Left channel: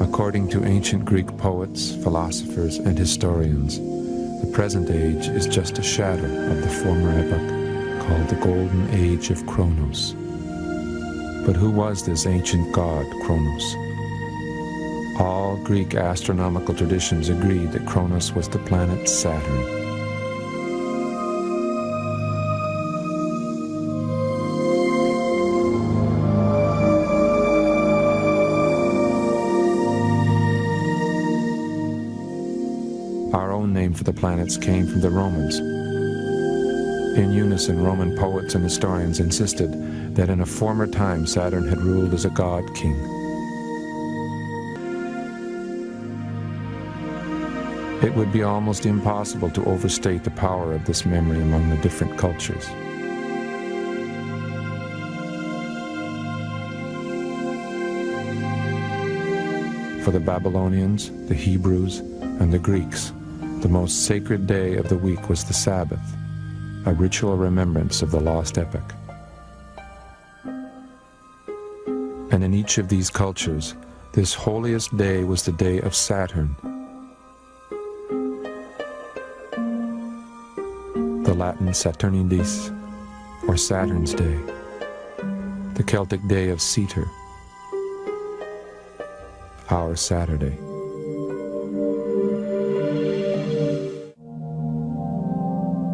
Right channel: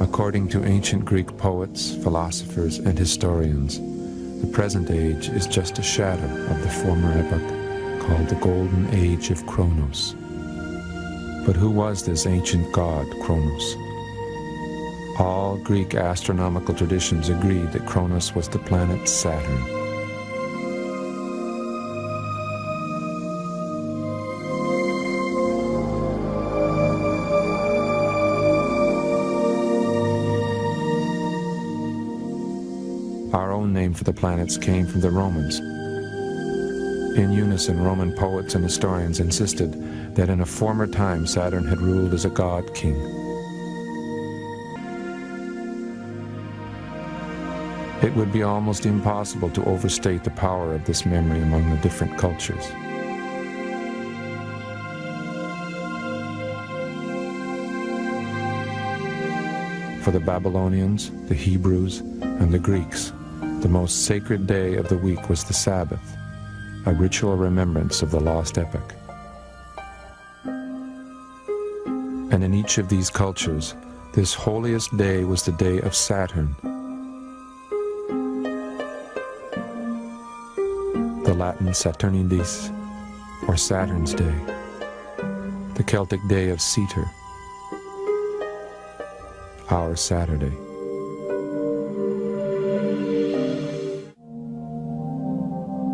According to ancient Greek poets, philosophers, and historians, the present age is just a shadow of the former epoch called the Golden Age of Kronos. But who was this ancient god, Kronos? All Greek astronomical traditions agreed that Kronos was the planet Saturn. Our own name for the planets came from the Romans. In unison, Roman poets and historians insisted that in a former time Saturn had ruled as a god-king. It would be almost impossible to overstate the power of this memory among the different cultures. For the Babylonians, the Hebrews, and the Greeks, the most sacred day of the week was the Sabbath, a ritual remembrance of the lost epoch. And in each of these cultures, this holiest day was the day of Saturn, the Latin Saturnidis, or Saturn's Day, the Celtic day of Seater, our Saturday.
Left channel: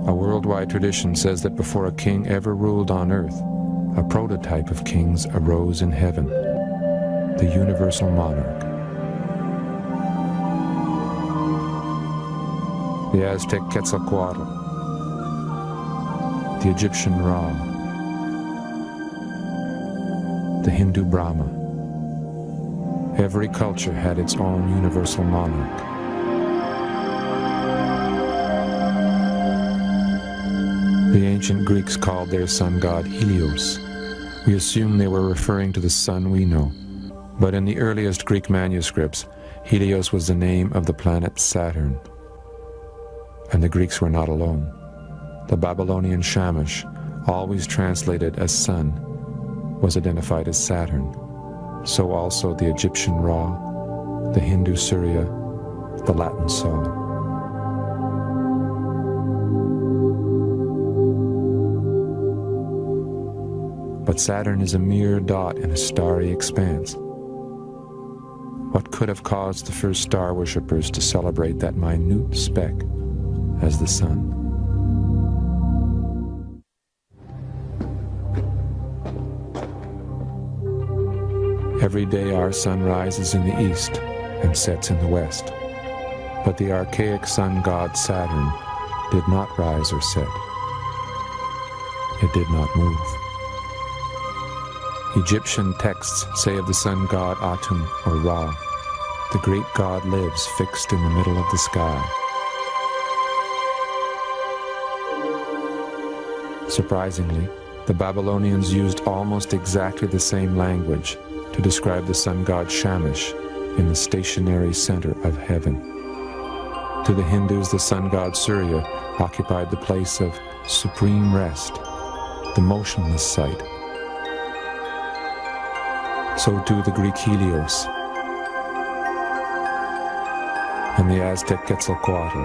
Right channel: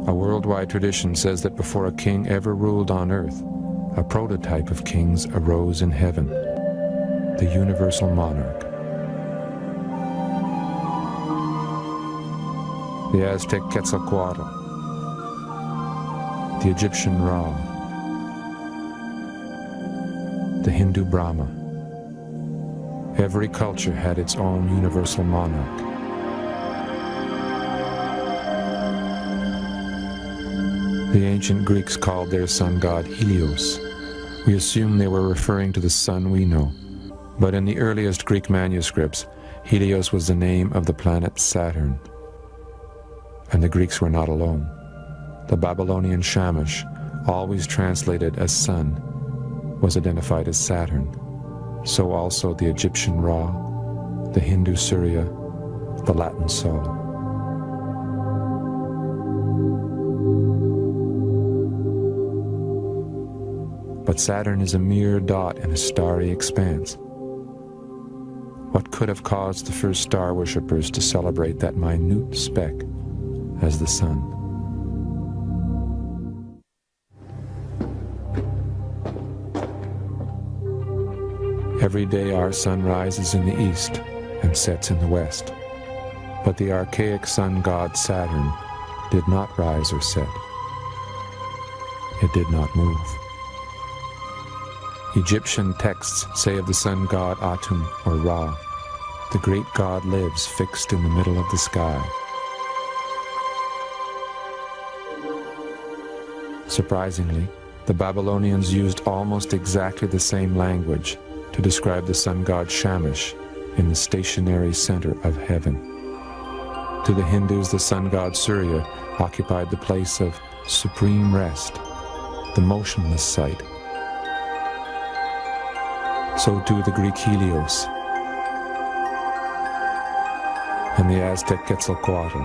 A worldwide tradition says that before a king ever ruled on earth, a prototype of kings arose in heaven, the universal monarch. The Aztec Quetzalcoatl, the Egyptian Ra, the Hindu Brahma. Every culture had its own universal monarch. The ancient Greeks called their sun god Helios. We assume they were referring to the sun we know, but in the earliest Greek manuscripts, Helios was the name of the planet Saturn. And the Greeks were not alone. The Babylonian Shamash, always translated as sun, was identified as Saturn. So also the Egyptian Ra, the Hindu Surya, the Latin Sol. But Saturn is a mere dot in a starry expanse. What could have caused the first star worshippers to celebrate that minute speck as the sun? Every day our sun rises in the east and sets in the west. But the archaic sun god Saturn did not rise or set. It did not move. Egyptian texts say of the sun god Atum, or Ra, the great god lives fixed in the middle of the sky. Surprisingly, the Babylonians used almost exactly the same language to describe the sun god Shamash in the stationary center of heaven. To the Hindus, the sun god Surya occupied the place of supreme rest, the motionless sight. So too the Greek Helios and the Aztec Quetzalcoatl.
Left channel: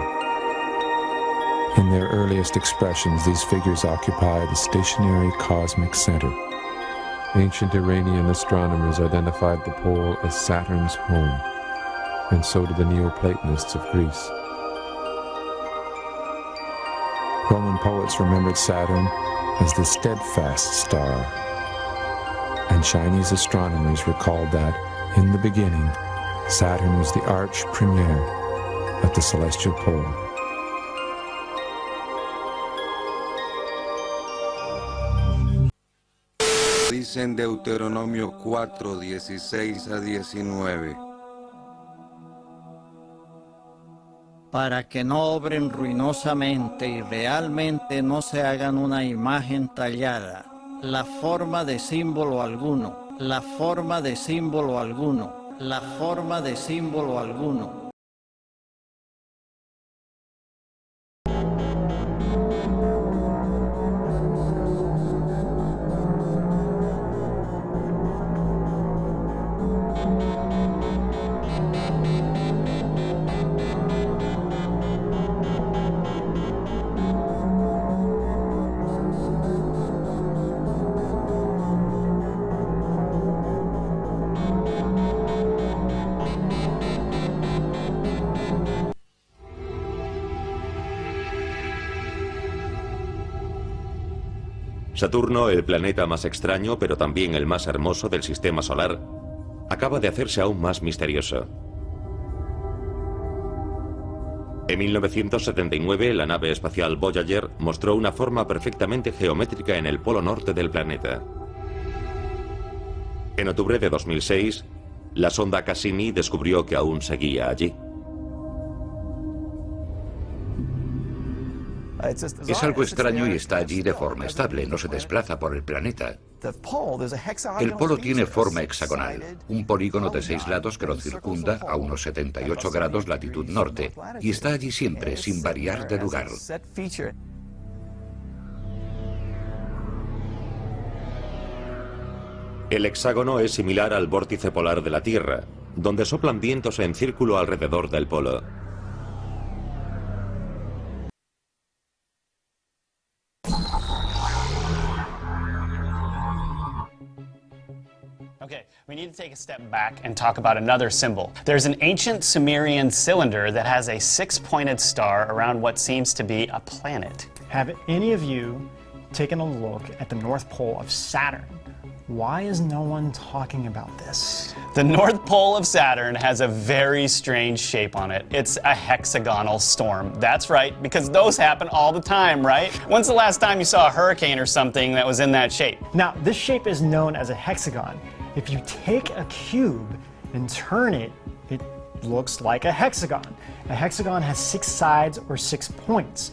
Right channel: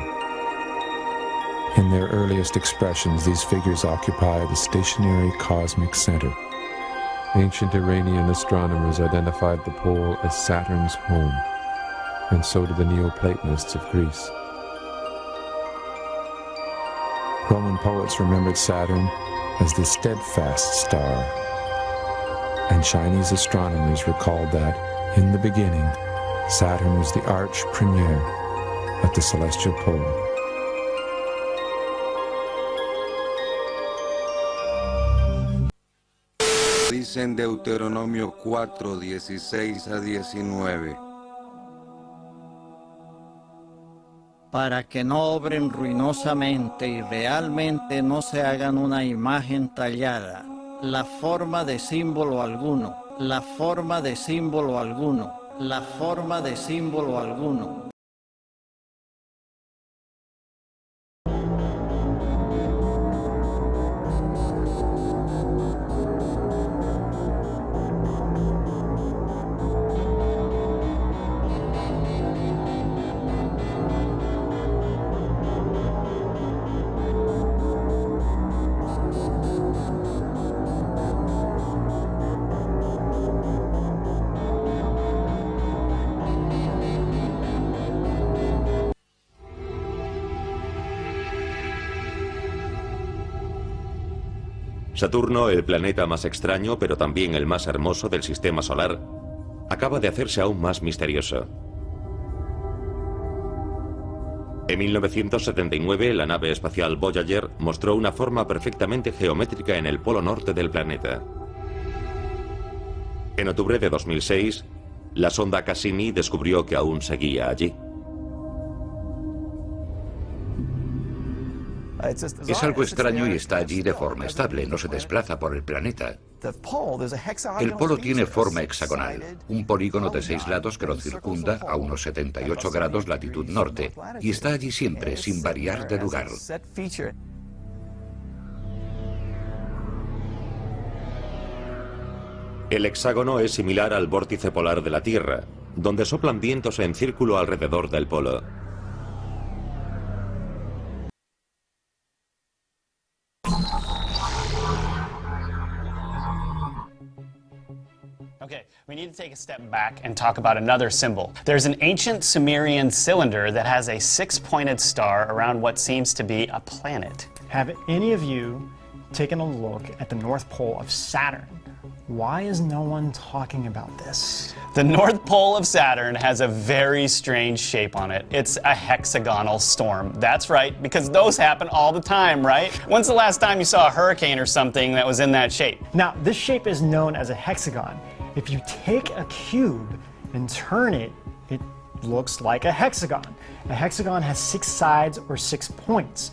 In their earliest expressions, these figures occupy the stationary cosmic center. Ancient Iranian astronomers identified the pole as Saturn's home, and so did the Neoplatonists of Greece. Roman poets remembered Saturn as the steadfast star, and Chinese astronomers recalled that, in the beginning, Saturn was the arch premier at the celestial pole. Dice en Deuteronomio 4, 16 a 19. Para que no obren ruinosamente y realmente no se hagan una imagen tallada, la forma de símbolo alguno, la forma de símbolo alguno, la forma de símbolo alguno. Saturno, el planeta más extraño, pero también el más hermoso del sistema solar, acaba de hacerse aún más misterioso. En 1979, la nave espacial Voyager mostró una forma perfectamente geométrica en el polo norte del planeta. En octubre de 2006, la sonda Cassini descubrió que aún seguía allí. Es algo extraño y está allí de forma estable, no se desplaza por el planeta. El polo tiene forma hexagonal, un polígono de 6 lados que lo circunda a unos 78 grados latitud norte, y está allí siempre, sin variar de lugar. El hexágono es similar al vórtice polar de la Tierra, donde soplan vientos en círculo alrededor del polo. Okay, we need to take a step back and talk about another symbol. There's an ancient Sumerian cylinder that has a 6-pointed star around what seems to be a planet. Have any of you taken a look at the North Pole of Saturn? Why is no one talking about this? The North Pole of Saturn has a very strange shape on it. It's a hexagonal storm. That's right, because those happen all the time, right? When's the last time you saw a hurricane or something that was in that shape? Now, this shape is known as a hexagon. If you take a cube and turn it, it looks like a hexagon. A hexagon has 6 sides or 6 points.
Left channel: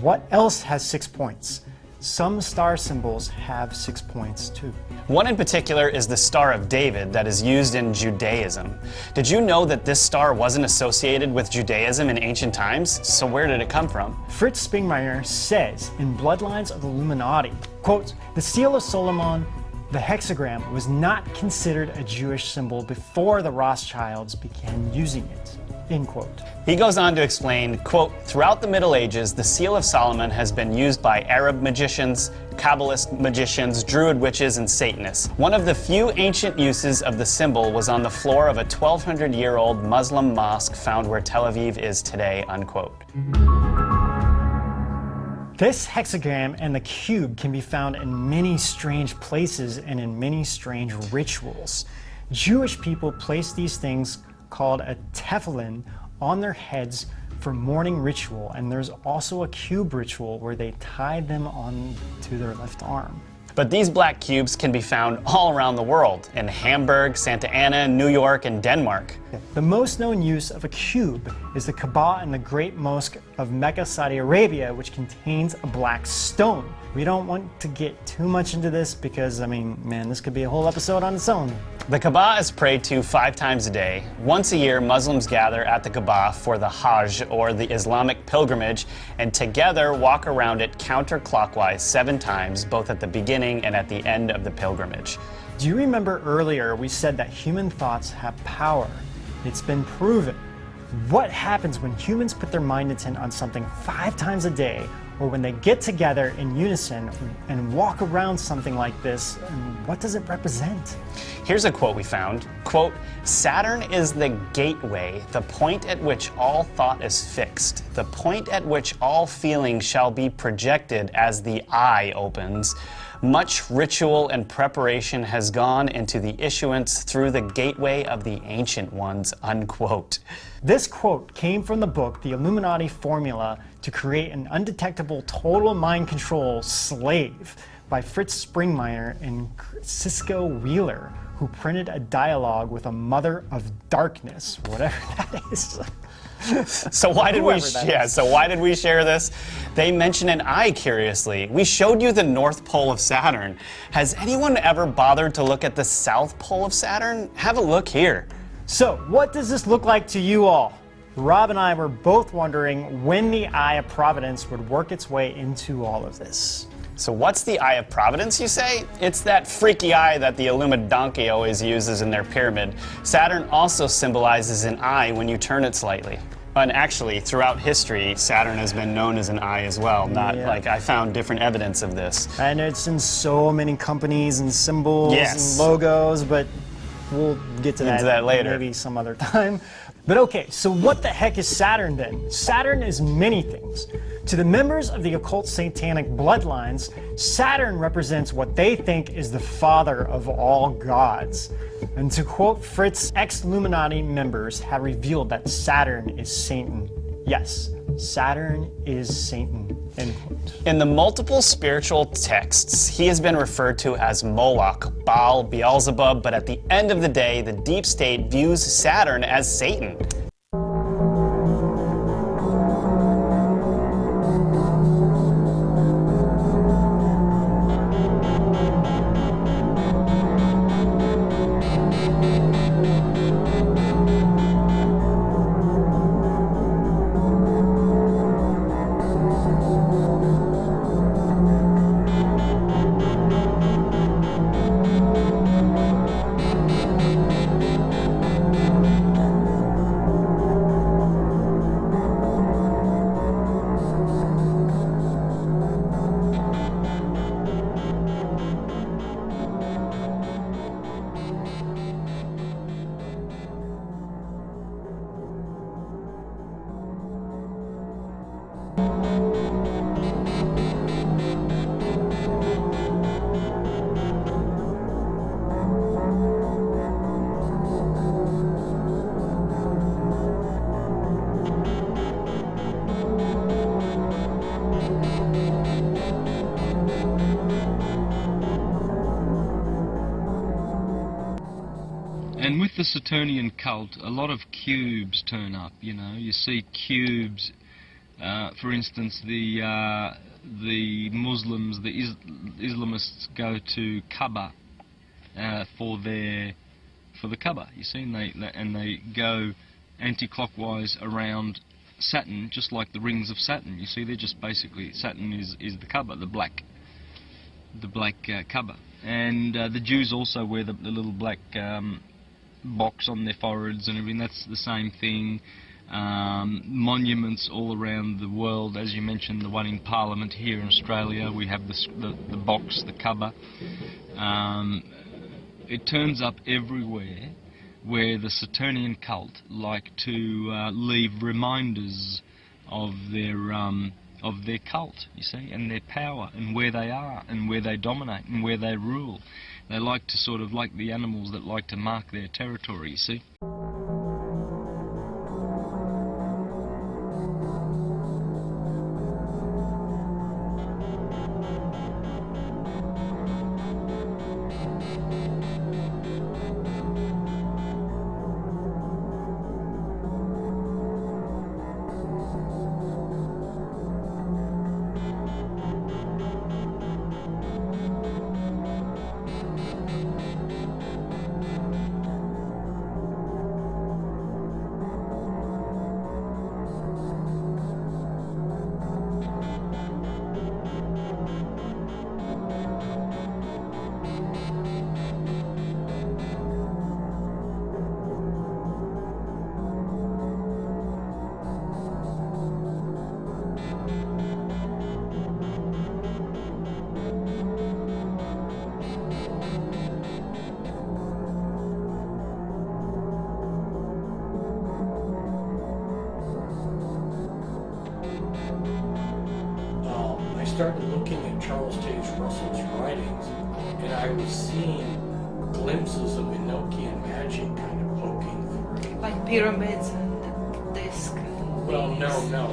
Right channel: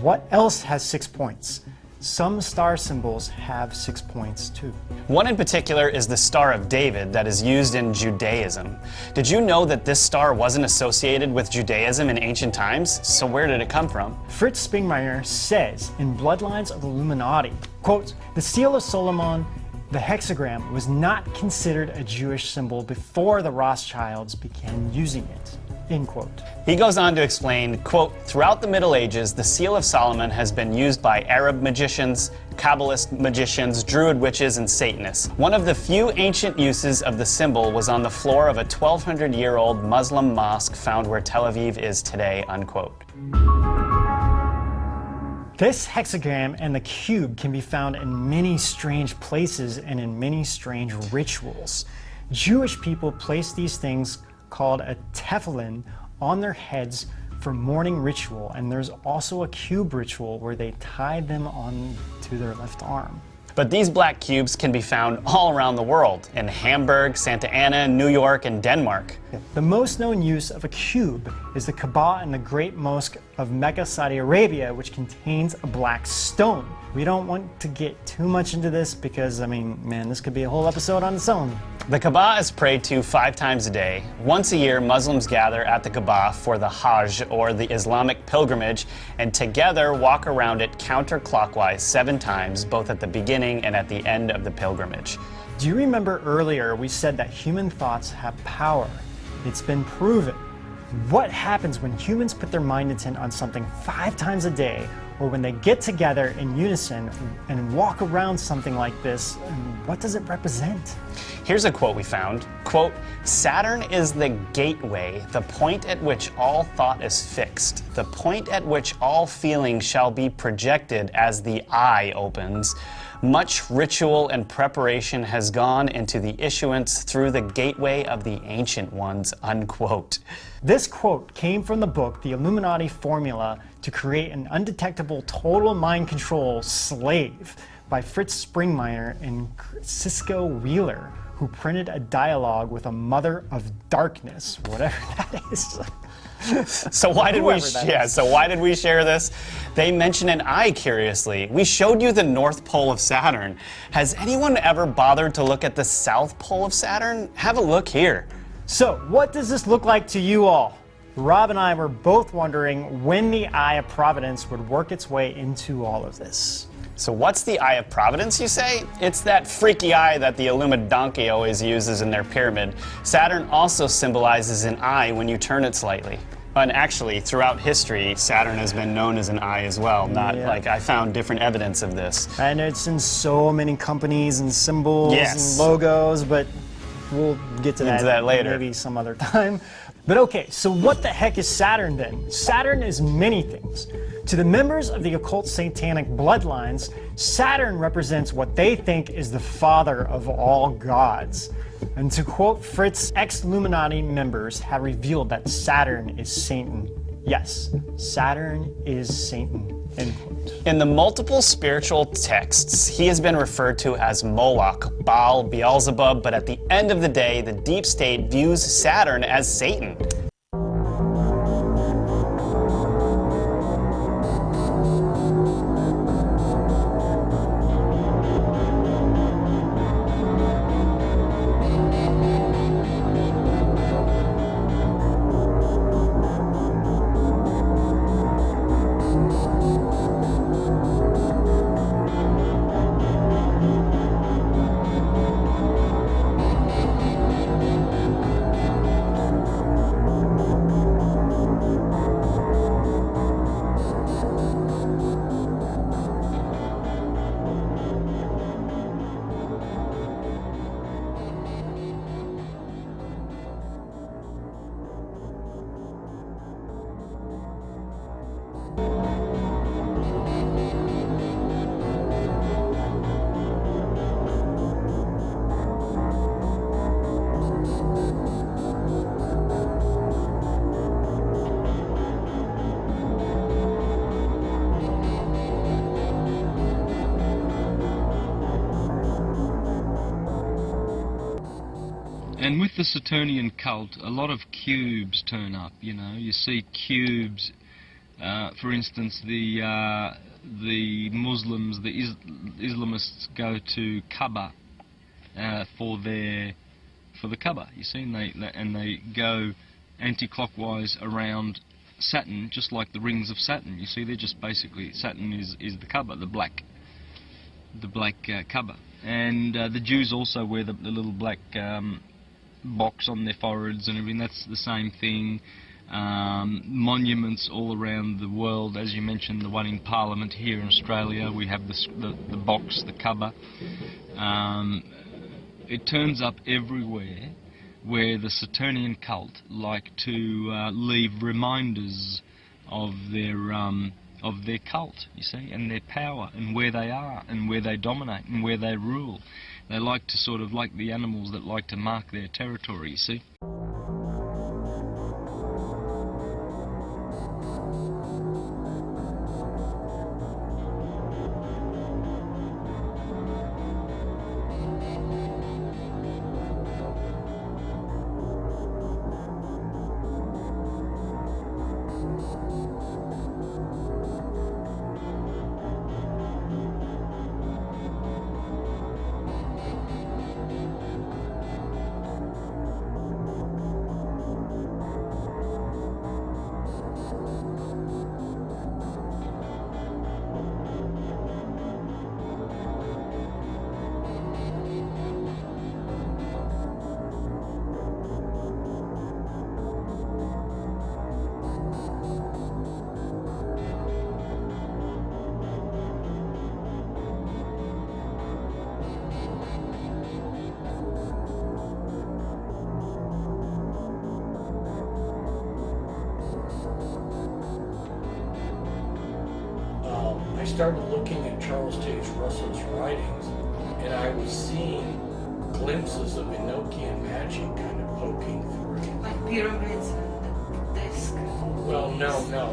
What else has 6 points? Some star symbols have 6 points too. One in particular is the Star of David that is used in Judaism. Did you know that this star wasn't associated with Judaism in ancient times? So where did it come from? Fritz Springmeier says in Bloodlines of the Illuminati, quote, the Seal of Solomon, the hexagram, was not considered a Jewish symbol before the Rothschilds began using it, end quote. He goes on to explain, quote, throughout the Middle Ages, the Seal of Solomon has been used by Arab magicians, Kabbalist magicians, Druid witches, and Satanists. One of the few ancient uses of the symbol was on the floor of a 1,200-year-old Muslim mosque found where Tel Aviv is today, unquote. This hexagram and the cube can be found in many strange places and in many strange rituals. Jewish people place these things called a tefillin on their heads for morning ritual, and there's also a cube ritual where they tie them on to their left arm. But these black cubes can be found all around the world, in Hamburg, Santa Ana, New York, and Denmark. The most known use of a cube is the Kaaba in the Great Mosque of Mecca, Saudi Arabia, which contains a black stone. We don't want to get too much into this because, I mean, man, this could be a whole episode on its own. The Kaaba is prayed to 5 times a day. Once a year, Muslims gather at the Kaaba for the Hajj, or the Islamic pilgrimage, and together walk around it counterclockwise 7 times, both at the beginning and at the end of the pilgrimage. Do you remember earlier we said that human thoughts have power? It's been proven. What happens when humans put their mind intent on something 5 times a day, or when they get together in unison and walk around something like this, and what does it represent? Here's a quote we found. Quote, Saturn is the gateway, the point at which all thought is fixed, the point at which all feeling shall be projected as the eye opens. Much ritual and preparation has gone into the issuance through the gateway of the ancient ones, unquote. This quote came from the book, The Illuminati Formula to Create an Undetectable Total Mind Control Slave by Fritz Springmeier and Cisco Wheeler, who printed a dialogue with a mother of darkness, whatever that is. So why did we share this? They mention an eye, curiously. We showed you the North Pole of Saturn. Has anyone ever bothered to look at the South Pole of Saturn? Have a look here. So, what does this look like to you all? Rob and I were both wondering when the Eye of Providence would work its way into all of this. So what's the Eye of Providence, you say? It's that freaky eye that the Illuminati always uses in their pyramid. Saturn also symbolizes an eye when you turn it slightly. And actually, throughout history, Saturn has been known as an eye as well. Like, I found different evidence of this. And it's in so many companies and symbols Yes. and logos, but we'll get to Into that later. maybe some other time. But okay, so what the heck is Saturn then? Saturn is many things. To the members of the occult satanic bloodlines, Saturn represents what they think is the father of all gods. And to quote Fritz, ex-Illuminati members have revealed that Saturn is Satan. Yes, Saturn is Satan. End quote. In the multiple spiritual texts, he has been referred to as Moloch, Baal, Beelzebub, but at the end of the day, the deep state views Saturn as Satan. And with the Saturnian cult, a lot of cubes turn up. You know, you see cubes. For instance, the Muslims, the Islamists go to Kaaba for the Kaaba. You see, and they go anti-clockwise around Saturn, just like the rings of Saturn. You see, they're just basically Saturn is the Kaaba, the black Kaaba. And the Jews also wear the little black box on their foreheads and everything. That's the same thing. Monuments all around the world, as you mentioned, the one in Parliament here in Australia, we have the box, the Kaaba. It turns up everywhere where the Saturnian cult like to leave reminders of their cult, you see, and their power, and where they are, and where they dominate, and where they rule. They like to sort of, like the animals that like to mark their territory, you see. I started looking at Charles Taze Russell's writings, and I was seeing glimpses of Enochian magic kind of poking through. Like pyramids and this kind of Well, things. no.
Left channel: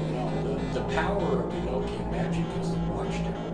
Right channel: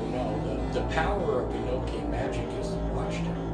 The power of Enochian magic is the watchtower.